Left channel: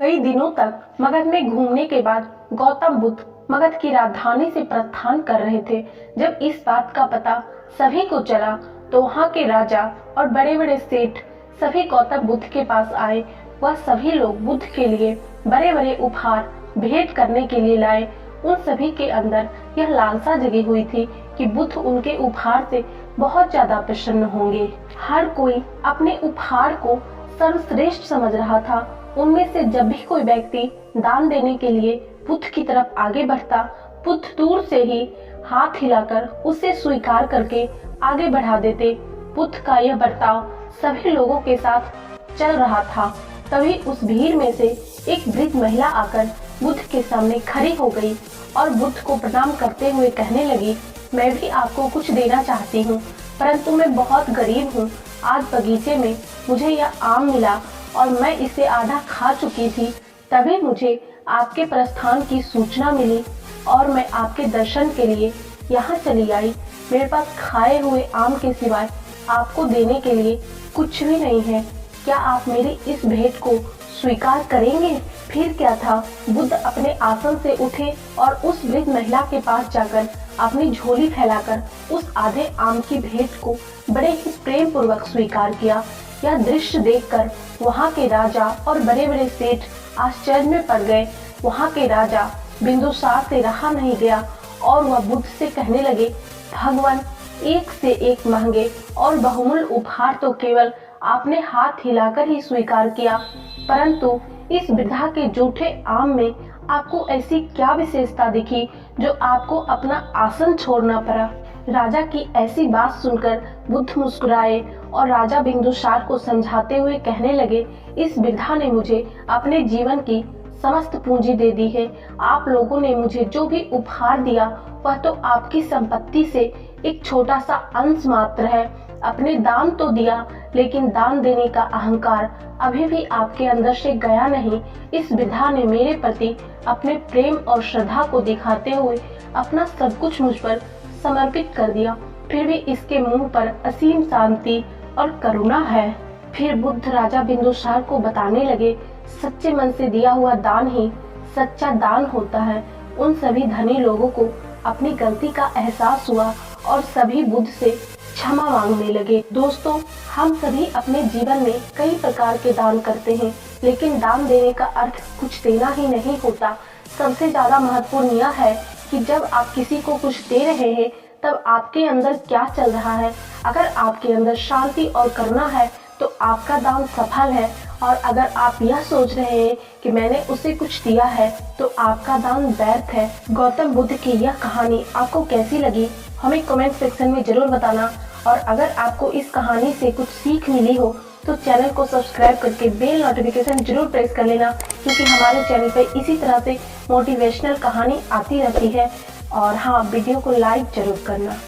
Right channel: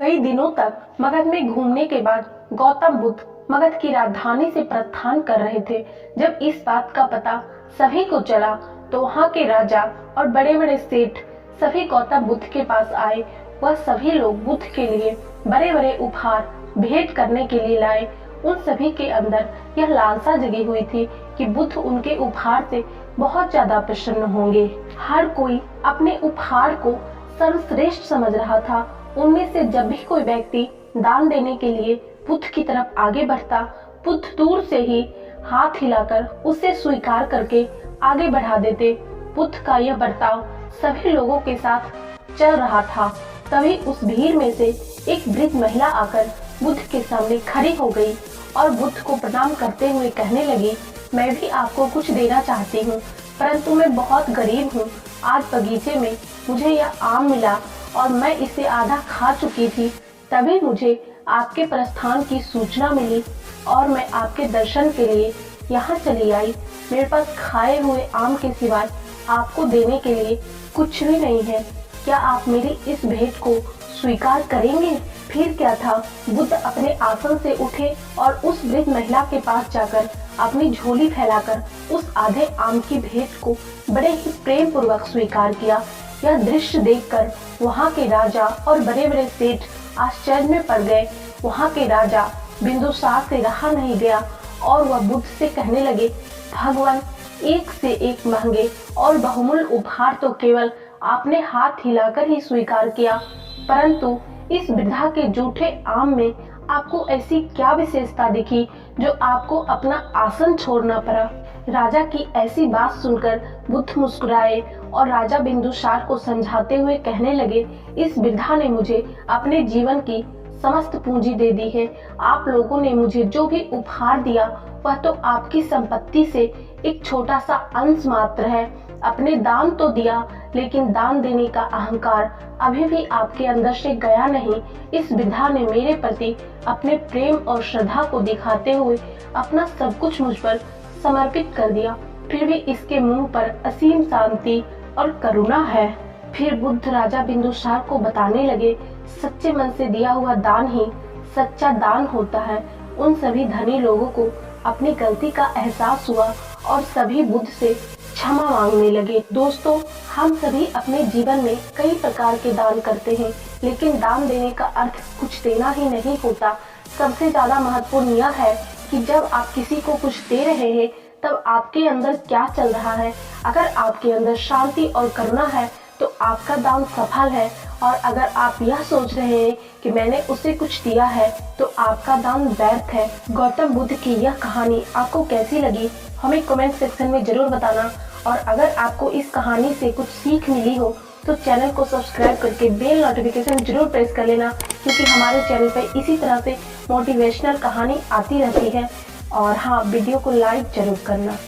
कई दिनों तक मगध में घूमने के बाद गौतम बुद्ध मगध की राजधानी से प्रस्थान कर रहे थे। जब इस बात का पता सभी को चला तो वहाँ के राजा और बड़े बड़े सेठ सभी गौतम बुद्ध के पास आए। वह सभी लोग बुद्ध के लिए बड़े बड़े उपहार भेंट करने के लिए लाए। उन सभी के अंदर यह लालसा जगी हुई थी कि बुद्ध उनके उपहार से बहुत ज्यादा प्रसन्न होंगे। हर कोई अपने उपहार को सर्वश्रेष्ठ समझ रहा था। उनमें से जब भी कोई व्यक्ति दान देने के लिए बुद्ध की तरफ आगे बढ़ता, बुद्ध दूर से ही हाथ हिलाकर उसे स्वीकार करके आगे बढ़ा देते। बुद्ध का यह बर्ताव सभी लोगों के साथ चल रहा था। तभी उस भीड़ में से एक वृद्ध महिला आकर बुद्ध के सामने खड़ी हो गई और बुद्ध को प्रणाम करते हुए कहने लगी, मैं भी आपको कुछ देना चाहती हूँ, परंतु मैं बहुत गरीब हूँ। आज बगीचे में मुझे यह आम मिला और मैं इसे आधा खा चुकी थी। तभी मुझे आपके प्रस्थान की सूचना मिली और मैं आपके दर्शन के लिए यहाँ चली आई। मेरे पास खाए हुए आम के सिवाय आपको देने के लिए कुछ भी नहीं है। क्या आप मेरी इस भेंट को स्वीकार करेंगे? फिर क्या था, बुद्ध अपने आसन से उठे और उस वृद्ध महिला के पास जाकर अपनी झोली फैलाकर उस आधे आम की भेंट को बड़े ही प्रेम पूर्वक स्वीकार किया। यह दृश्य देखकर वहाँ के राजा और बड़े बड़े सेठ आश्चर्य में पड़ गए। वहाँ के राजा बिंदुसार से रहा नहीं गया और वह बुद्ध से कहने लगे, भगवान, एक से एक महंगे और बहुमूल्य उपहार तो केवल आपने हाथ हिलाकर ही स्वीकार किया, परंतु इस वृद्धा के जूठे आम में आपको ऐसी क्या विशेषता दिखी जो आपको अपना आसन छोड़ना पड़ा? राजा की ऐसी बात सुनकर बुद्ध मुस्कुराए और राजा बिंदुसार को समझाते हुए कहने लगे, इस वृद्धा ने मुझे अपने जीवन की समस्त पूंजी दे दी है। आप लोगों ने मुझे जो भी उपहार दिया वह तो आपकी संपत्ति से एक छोटा सा अंश मात्र है। अपने दान तो दिया, लेकिन दान देने का अहंकार अभी भी आपके अंदर से गया नहीं। इस वृद्धा ने मेरे प्रति अपने प्रेम और श्रद्धा को दिखाते हुए अपना सब कुछ मुझ पर समर्पित कर दिया, फिर भी इसके मुंह पर असीम शांति और करुणा है। फिर बुद्ध राजा बिंदुसार को बताने लगे, सच्चे मन से दिया हुआ दान ही सच्चा दान होता है। उन सभी धनी लोगों को अपनी गलती का एहसास हुआ और सभी बुद्ध से क्षमा मांगने लगे। दोस्तों, हम सभी अपने जीवन में कई प्रकार के दान करते हैं, लेकिन दान देने का अर्थ कुछ देना ही नहीं होता। सबसे ज्यादा महत्वपूर्ण यह है कि जब आप किसी को कुछ दे रहे हैं तब आपके अंदर क्या चल रहा है। अगर आपके अंदर शांति और करुणा है तो आपका दान सफल है, और अगर आप यह सोच रहे हैं कि मैंने उसे कुछ दिया है तो आपका दान व्यर्थ है। गौतम बुद्ध की यह कहानी आपको कैसी लगी हमें कमेंट सेक्शन में जरूर बताना, और अगर आपको इस कहानी से कुछ सीख मिली हो तो चैनल को सब्सक्राइब करके बेल नोटिफिकेशन जरूर प्रेस कर लेना, क्योंकि हमारे चैनल पर इसी तरह से मोटिवेशनल कहानी आती रहती है। और हाँ, वीडियो को लाइक जरूर करना।